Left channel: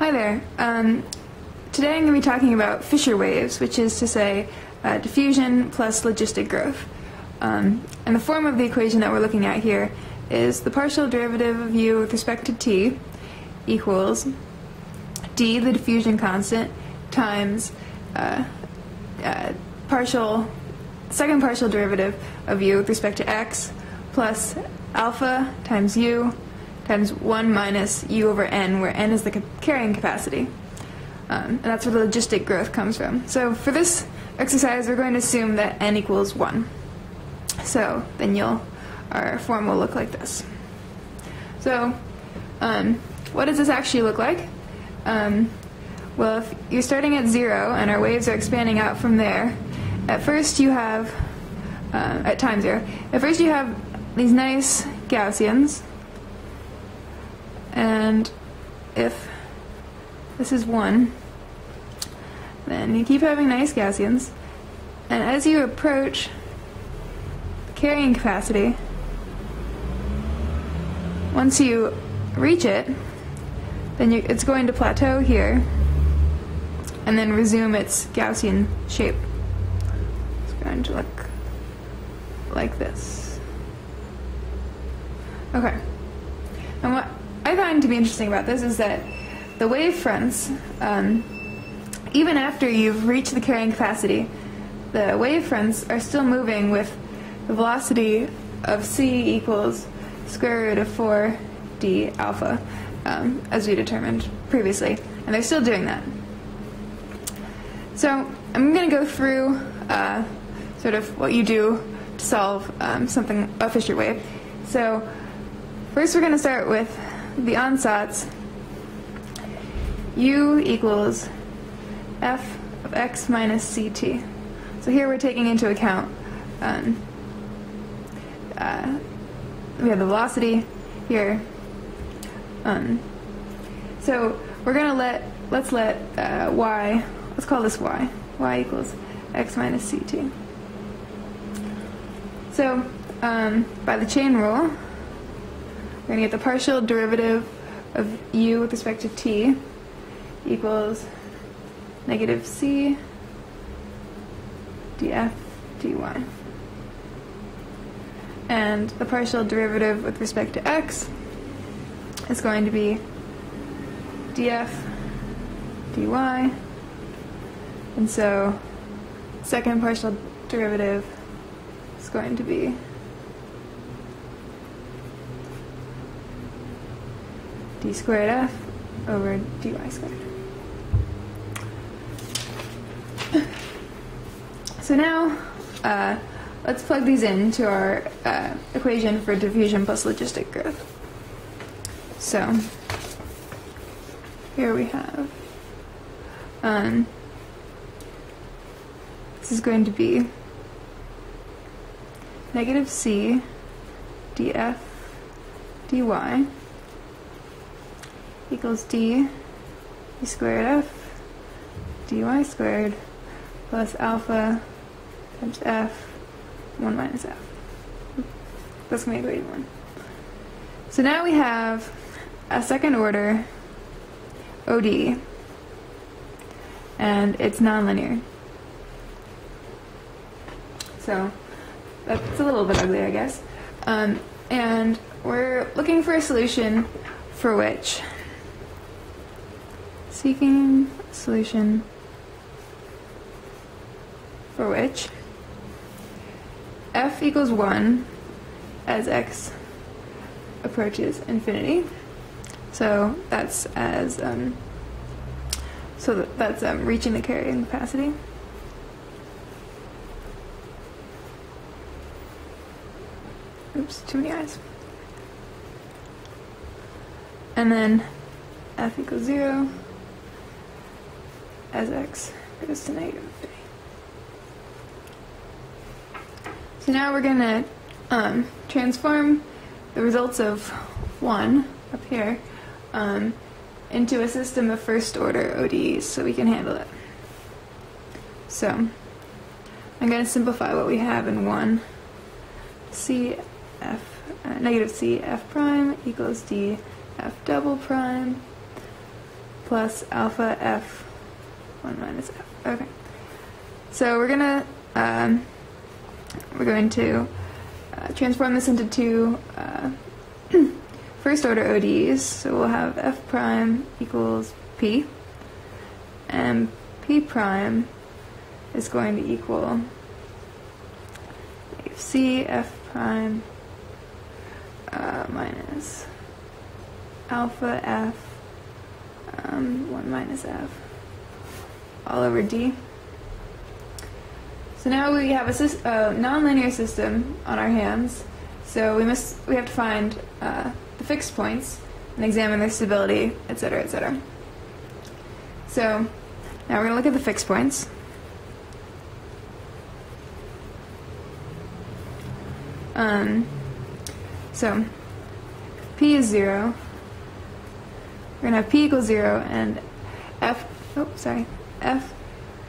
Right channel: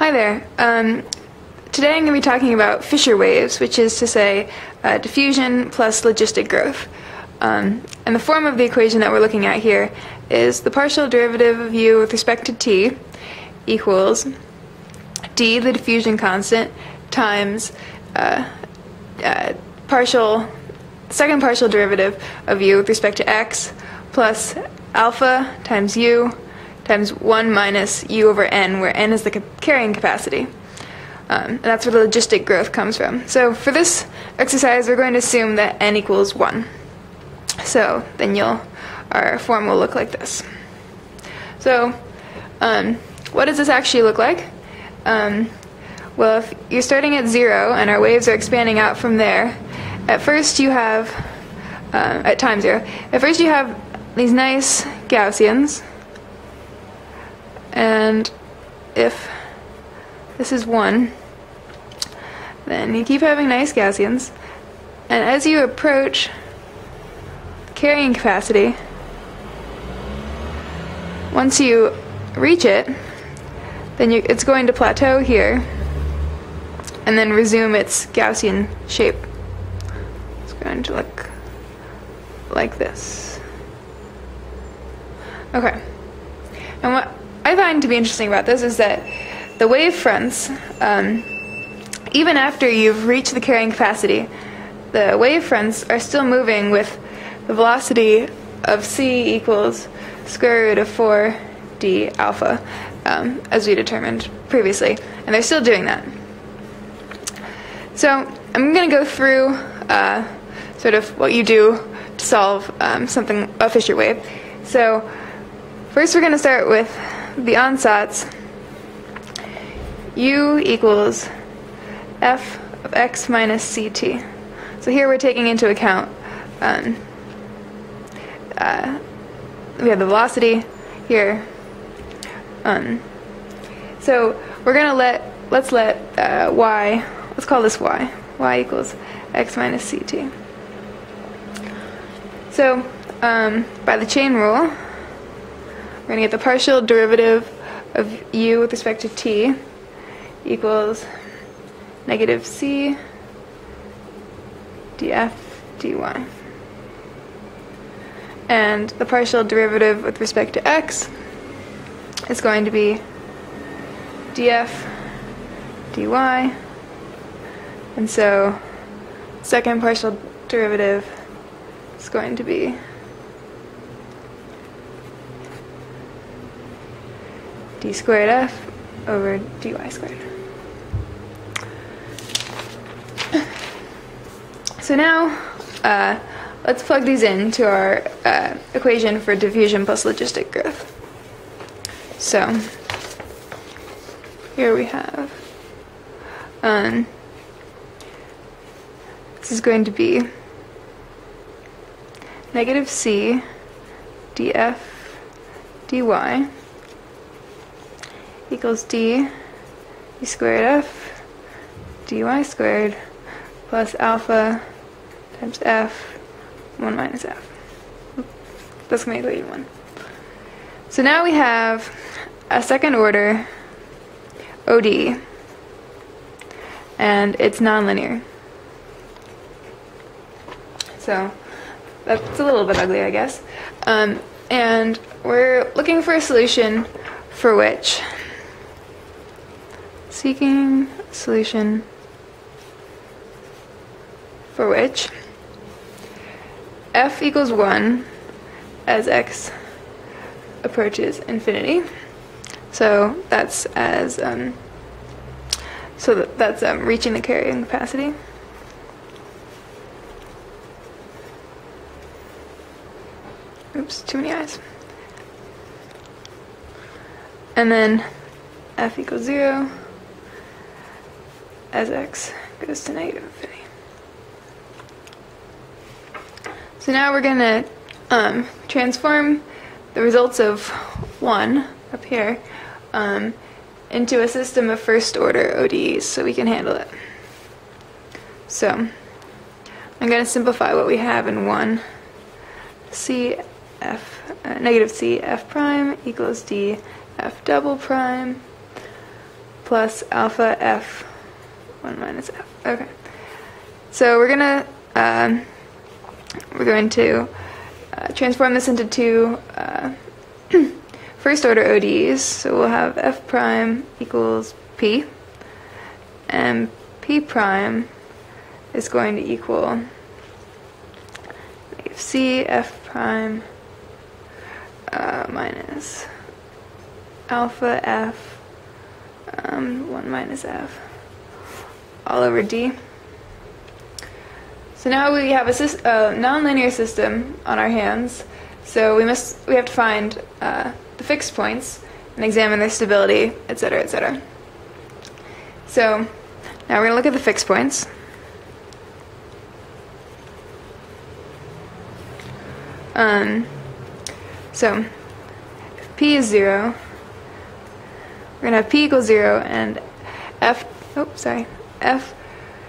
Hi there. Today I'm going to be talking about Fisher waves, which is to say diffusion plus logistic growth. And the form of the equation that we're looking at here is the partial derivative of u with respect to t equals d, the diffusion constant, times second partial derivative of u with respect to x plus alpha times u times 1 minus u over n, where n is the carrying capacity. And that's where the logistic growth comes from. So for this exercise, we're going to assume that n equals 1. So then our form will look like this. So what does this actually look like? Well, if you're starting at 0 and our waves are expanding out from there, at first you have, at time 0, at first you have these nice Gaussians, and if this is 1, then you keep having nice Gaussians, and as you approach carrying capacity, once you reach it, then it's going to plateau here and then resume its Gaussian shape. It's going to look like this. Okay. And what I find to be interesting about this is that the wave fronts, even after you've reached the carrying capacity, the wave fronts are still moving with the velocity of c equals square root of 4d alpha, as we determined previously, and they're still doing that. So I'm going to go through sort of what you do to solve a Fisher wave. So first we're going to start with the ansatz. U equals f of x minus ct. So here we're taking into account we have the velocity here. So we're going to let's let y, let's call this y equals x minus ct. So by the chain rule, we're going to get the partial derivative of u with respect to t equals negative c df dy. And the partial derivative with respect to x is going to be df dy. And so second partial derivative is going to be d squared f over dy squared. So now let's plug these into our equation for diffusion plus logistic growth. So here we have this is going to be negative c df dy equals d squared f dy squared plus alpha times f 1 minus f. That's going to equal 1. So now we have a second order ODE, and it's nonlinear. So that's a little bit ugly, I guess. And we're looking for a solution for which, seeking a solution for which f equals 1 as x approaches infinity. So that's as that's reaching the carrying capacity. Oops, too many eyes. And then f equals 0 as x goes to negative infinity. So now we're going to transform the results of 1 up here into a system of first order ODEs so we can handle it. So I'm going to simplify what we have in 1. negative c f prime equals d f double prime plus alpha f 1 minus f. Okay. So we're going to transform this into two first order ODEs. So we'll have f prime equals p, and p prime is going to equal c f prime minus alpha f 1 minus f all over d. So now we have a nonlinear system on our hands. So we have to find the fixed points and examine their stability, etc., etc. So now we're going to look at the fixed points. So if p is 0, we're going to have p equals 0 and f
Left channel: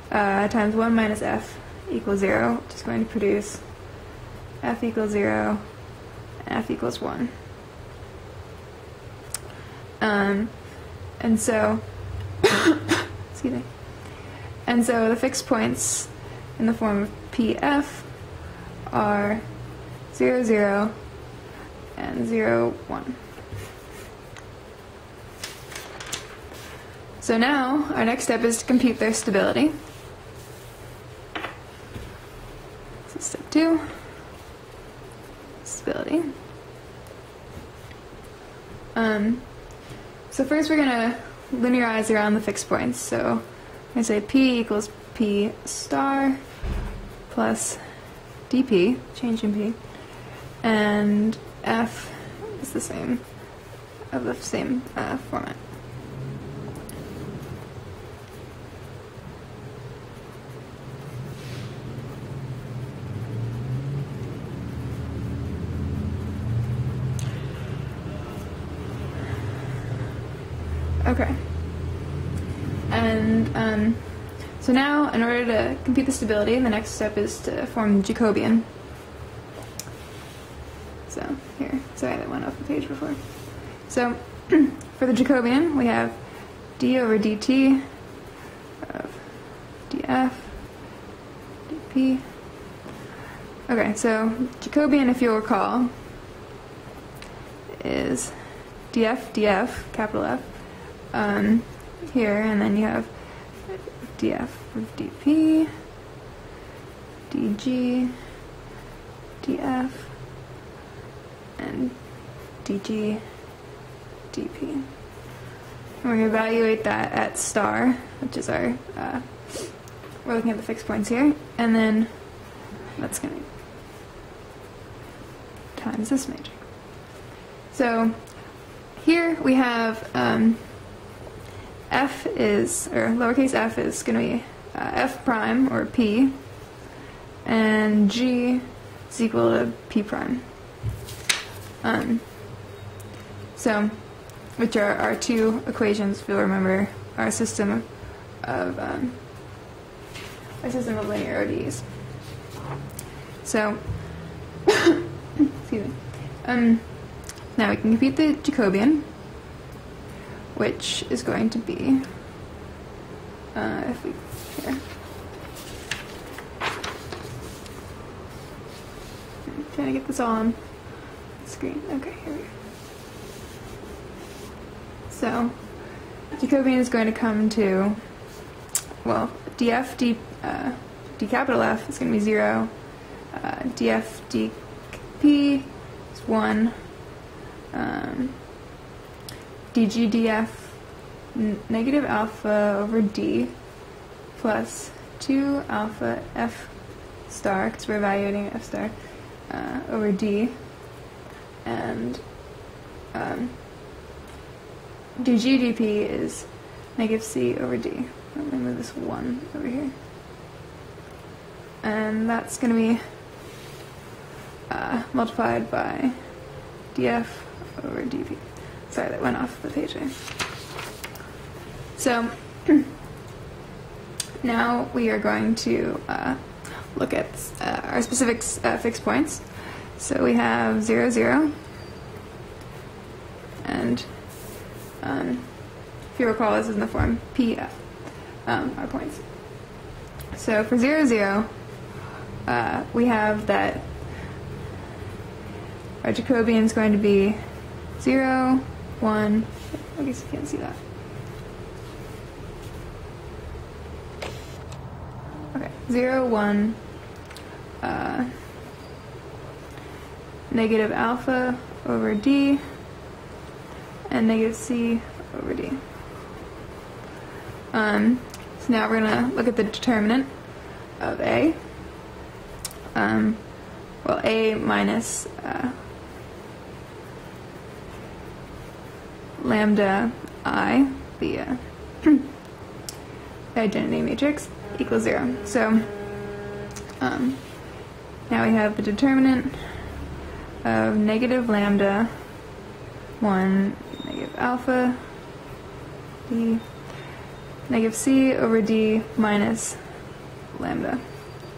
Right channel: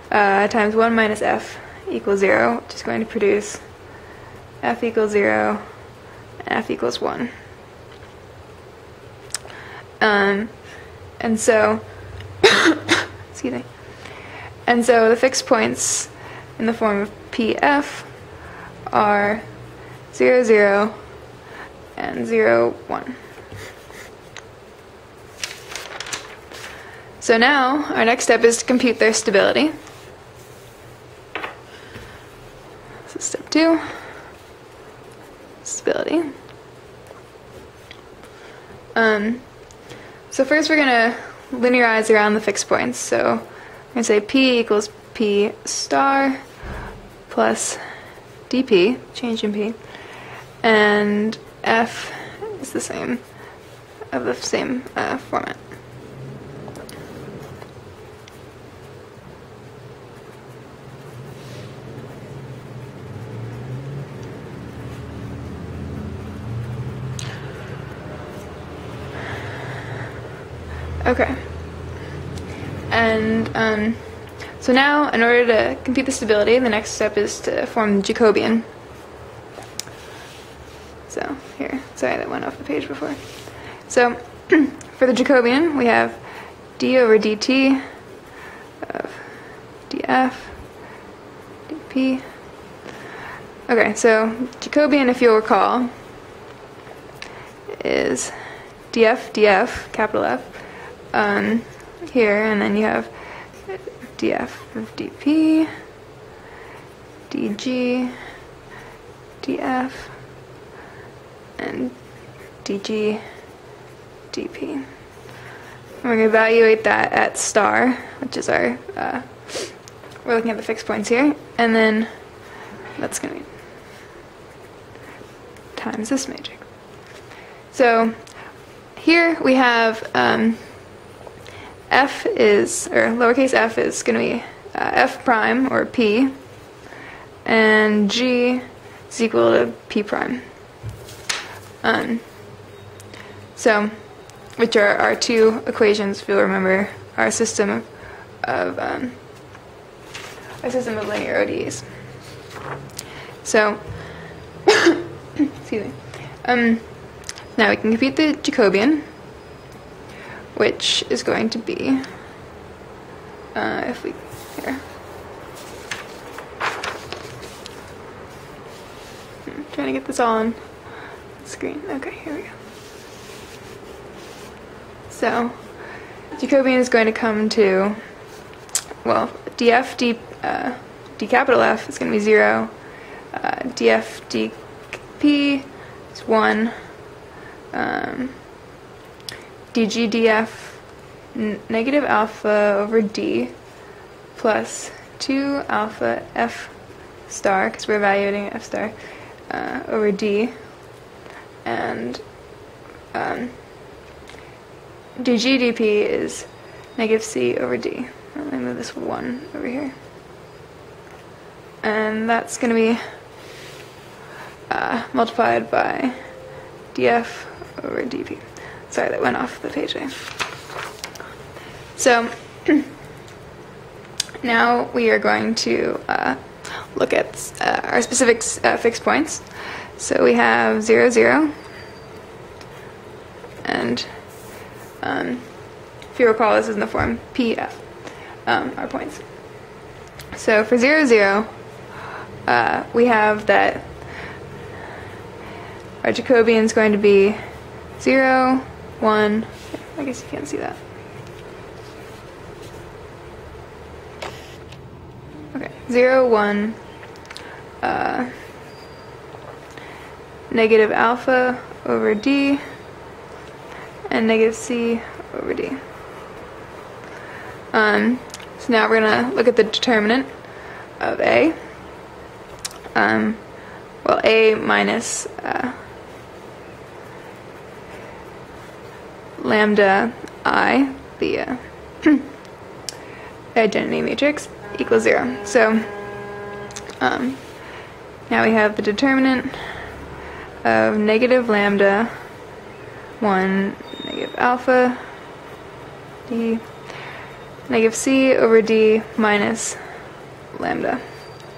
times 1 minus f equals 0, which is going to produce f equals 0 and f equals 1. And so, excuse me. And so the fixed points in the form of pf are 0, 0, and 0, 1. So now our next step is to compute their stability. So step 2, stability. So first we're going to linearize around the fixed points. So I'm going to say p equals p star plus dp, change in p, and f is the same, of the same format. Okay. And so now, in order to compute the stability, the next step is to form the Jacobian. So here, sorry, that went off the page before. So for the Jacobian, we have d over dt of df dp. Okay, so Jacobian, if you'll recall, is df, capital F, here, and then you have df of dp, dg, df, and dg, dp. We're going to evaluate that at star, which is our, we're looking at the fixed points here, and then that's going to be times this matrix. So here we have f is, or lowercase f is going to be f prime, or p, and g is equal to p prime. So, which are our two equations, if you'll remember, our system of linear ODEs. So, excuse me. Now we can compute the Jacobian, which is going to be, if we, here. I'm trying to get this all on the screen. Okay, here we go. So, Jacobian is going to come to, well, df d capital F is going to be 0, df dp is 1, dg df negative alpha over d plus 2 alpha f star, because we're evaluating f star, over d, and dg dp is negative c over d. Let me move this 1 over here. And that's going to be multiplied by df over dp. Sorry, that went off the page there. So now we are going to look at our specific fixed points. So we have 0, 0, and if you recall, this is in the form PF, our points. So for 0, 0, we have that our Jacobian is going to be 0, 1, I guess you can't see that. Okay, 0, 1, negative alpha over D, and negative C over D. So now we're going to look at the determinant of A. Well, A minus lambda I, the identity matrix, equals 0. So now we have the determinant of negative lambda 1 negative alpha D negative C over D minus lambda,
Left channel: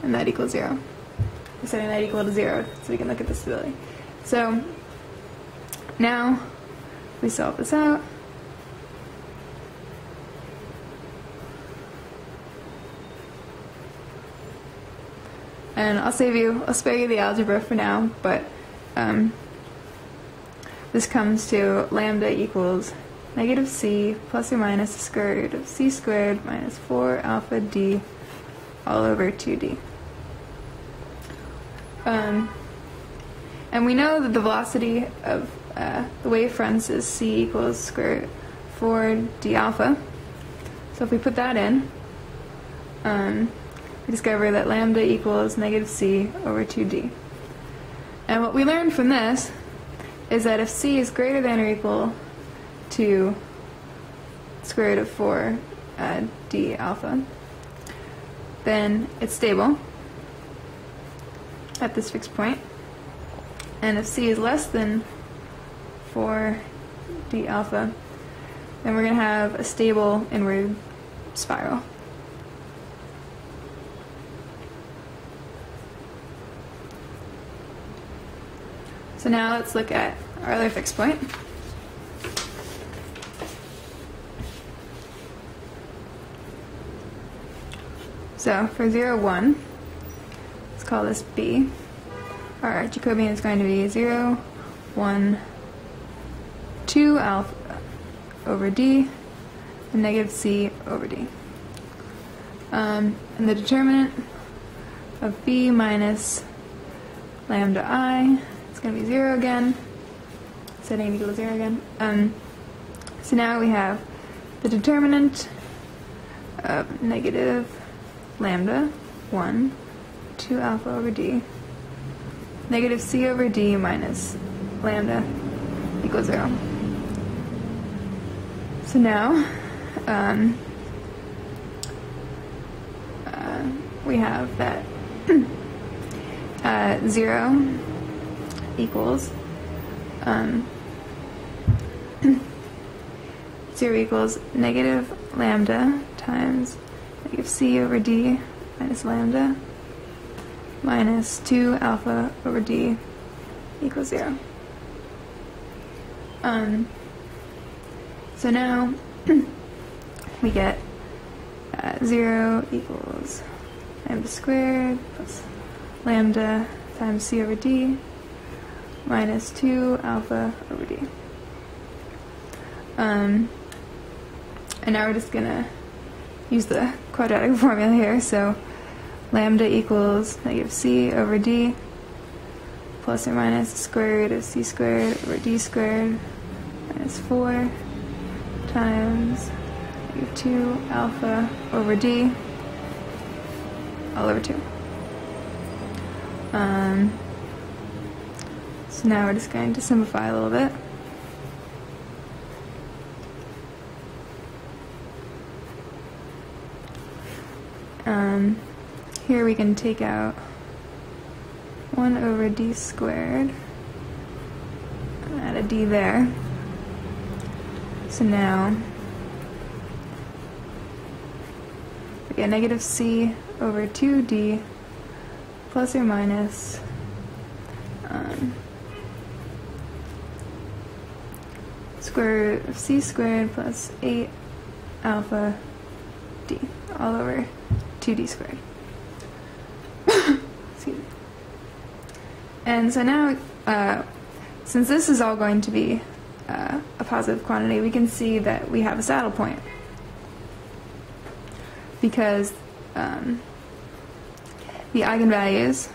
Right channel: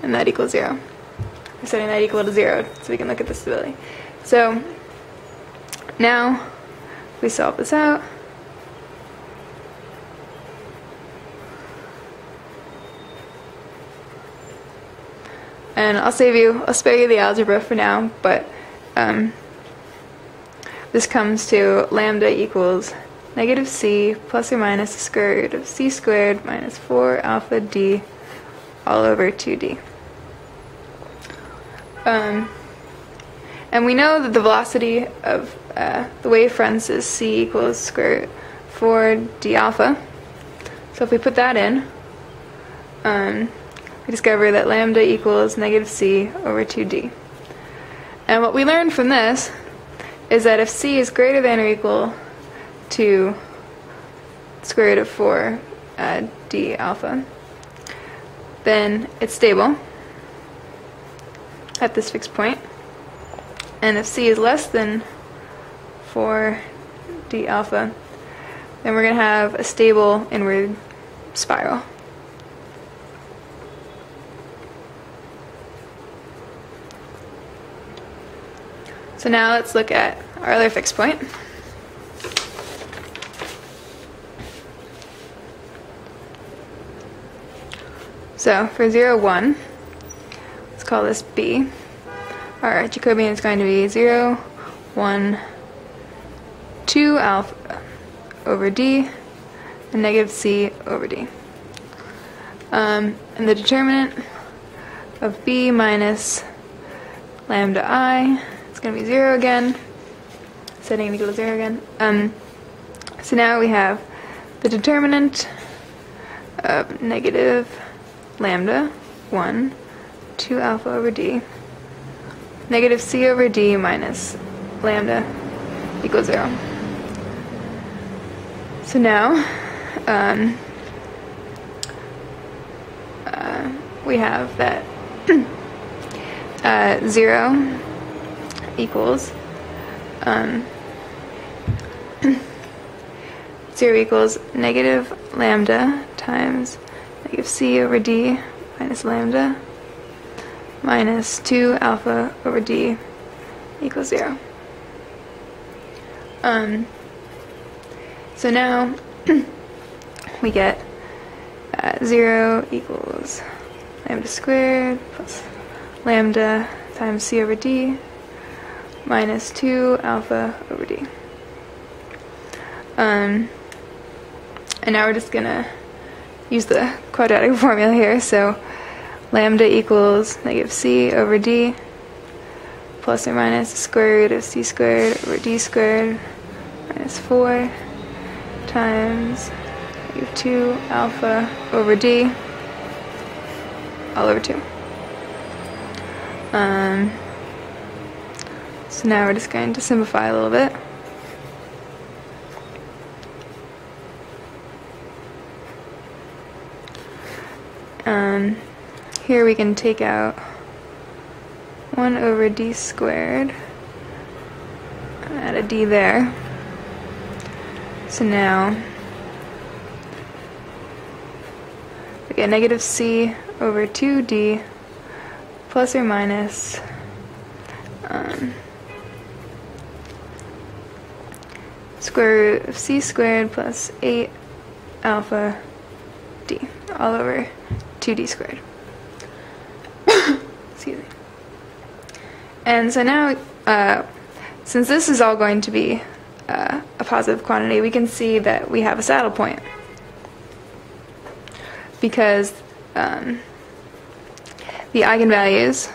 and that equals 0. We're setting that equal to 0 so we can look at the stability. So now we solve this out. And I'll spare you the algebra for now, but this comes to lambda equals negative C plus or minus the square root of C squared minus 4 alpha D all over 2D. And we know that the velocity of the wave fronts is C equals square root 4 D alpha. So if we put that in, we discover that lambda equals negative C over 2D. And what we learned from this is that if C is greater than or equal to square root of 4 D alpha, then it's stable at this fixed point. And if C is less than 4 D alpha, then we're going to have a stable inward spiral. So now let's look at our other fixed point. So for 0, 1, let's call this B. Our Jacobian is going to be 0, 1, 2 alpha over D, and negative C over D. And the determinant of B minus lambda I, it's going to be 0 again, setting it equal to 0 again. So now we have the determinant of negative lambda 1, 2 alpha over D, negative C over D minus lambda equals 0. So now we have that 0 equals 0 equals negative lambda times negative C over D minus lambda minus 2 alpha over D equals 0. So now we get 0 equals lambda squared plus lambda times C over D minus 2 alpha over D. And now we're just going to use the quadratic formula here. So lambda equals negative C over D plus or minus the square root of C squared over D squared minus 4 times 2 alpha over D all over 2. So now we're just going to simplify a little bit. Here we can take out 1 over D squared, add a D there. So now we get negative C over 2D plus or minus square root of C squared plus 8 alpha d all over 2d squared. Excuse me. And so now, since this is all going to be a positive quantity, we can see that we have a saddle point, because the eigenvalues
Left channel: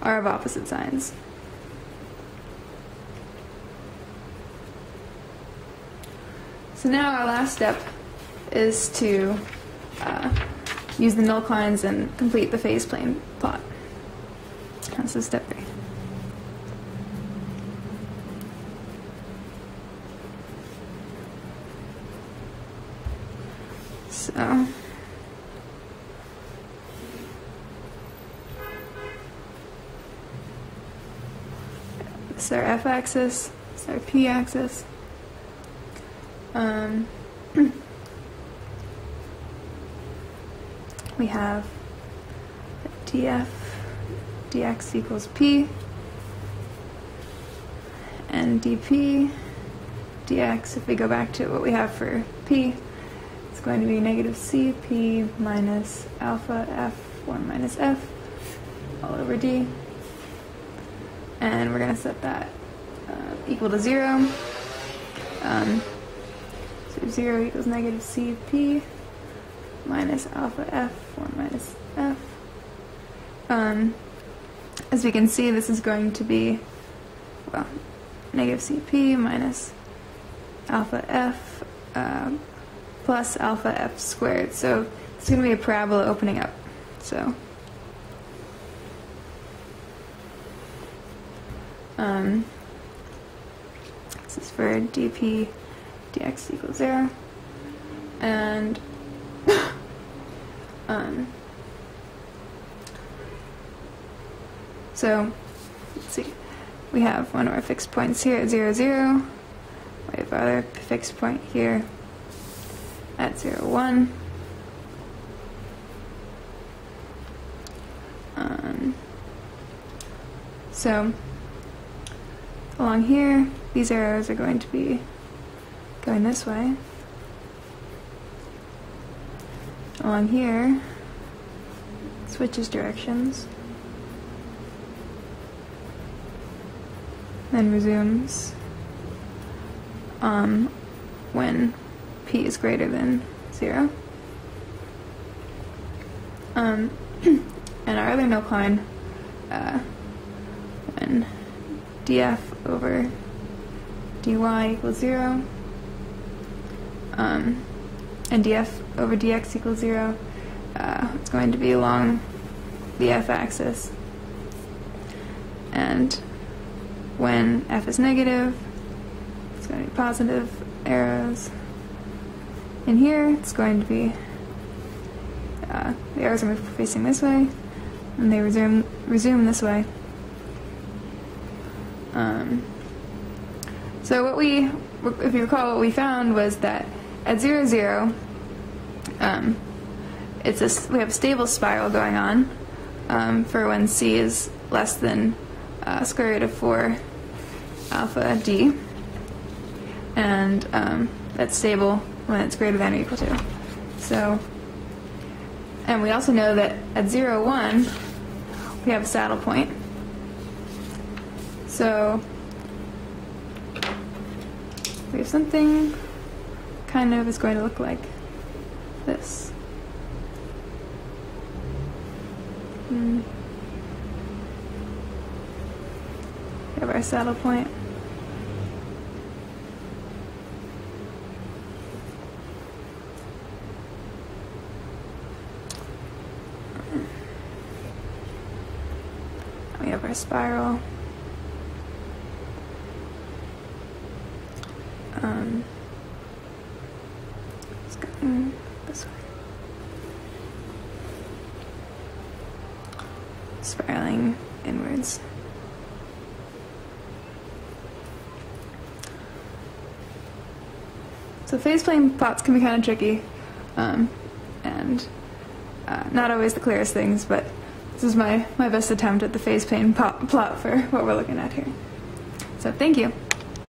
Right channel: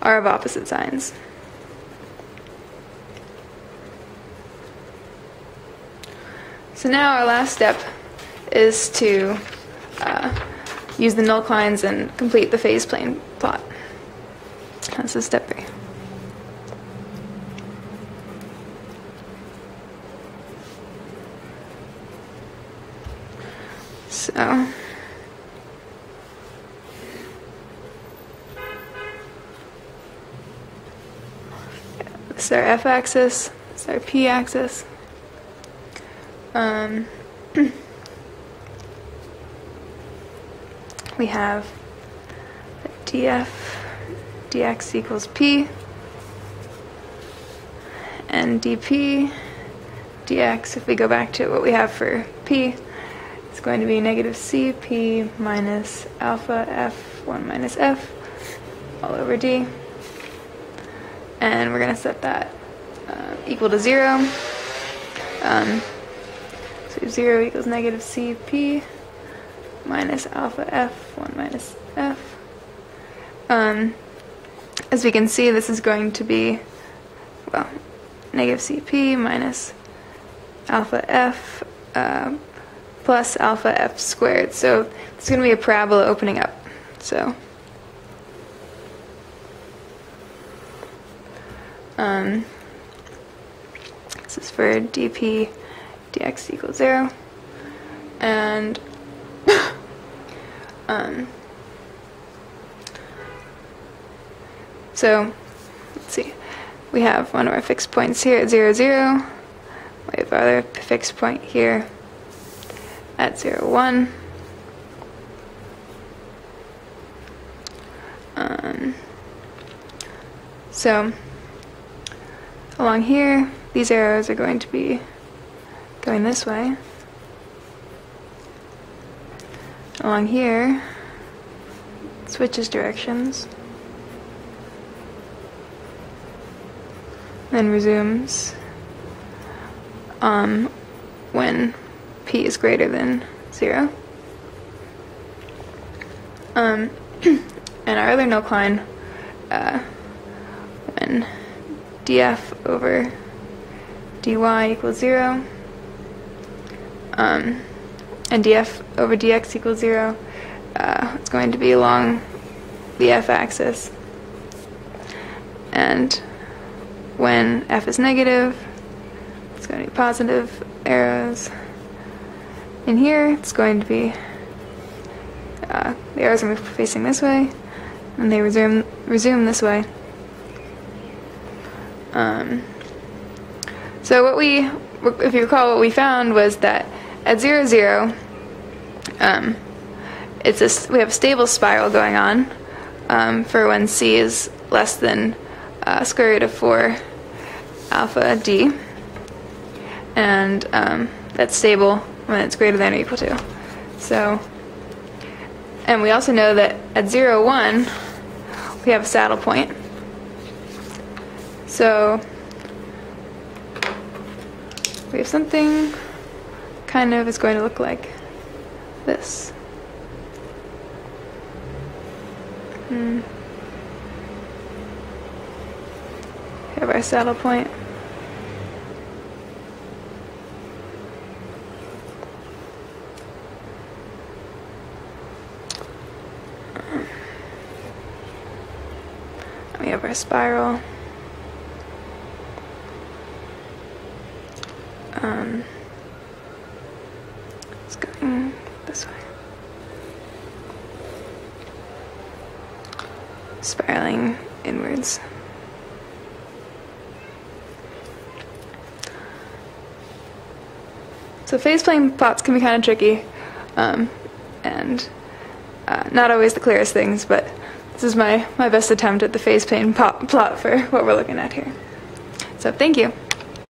are of opposite signs. So now our last step is to use the null lines and complete the phase plane plot. This is step 3. So this is our f-axis, this is our p-axis. We have df dx equals p, and dp dx, if we go back to what we have for p, it's going to be negative cp minus alpha f1 minus f all over d. And we're going to set that equal to 0. So 0 equals negative cp minus alpha f1 minus f. As we can see, this is going to be, well, negative cp minus alpha f plus alpha f squared. So it's going to be a parabola opening up. So this is for dp dx equals 0, and so let's see, we have one of our fixed points here at 0, 0. We have our other fixed point here at 0, 1. So along here, these arrows are going to be going this way. Along here, it switches directions, then resumes when p is greater than 0. And our other null line, when df over dy equals 0, and df over dx equals 0, it's going to be along the f-axis. And when f is negative, it's going to be positive arrows. In here, it's going to be, the arrows are facing this way, and they resume this way. So what if you recall, what we found was that at 0, 0, we have a stable spiral going on for when c is less than square root of 4 alpha d, and that's stable when it's greater than or equal to. So, and we also know that at 0, 1, we have a saddle point. So we have something kind of is going to look like this. We have our saddle point. We have our spiral. It's going this way. Spiraling inwards. So phase plane plots can be kind of tricky, and not always the clearest things, but this is my best attempt at the phase plane plot for what we're looking at here. So thank you.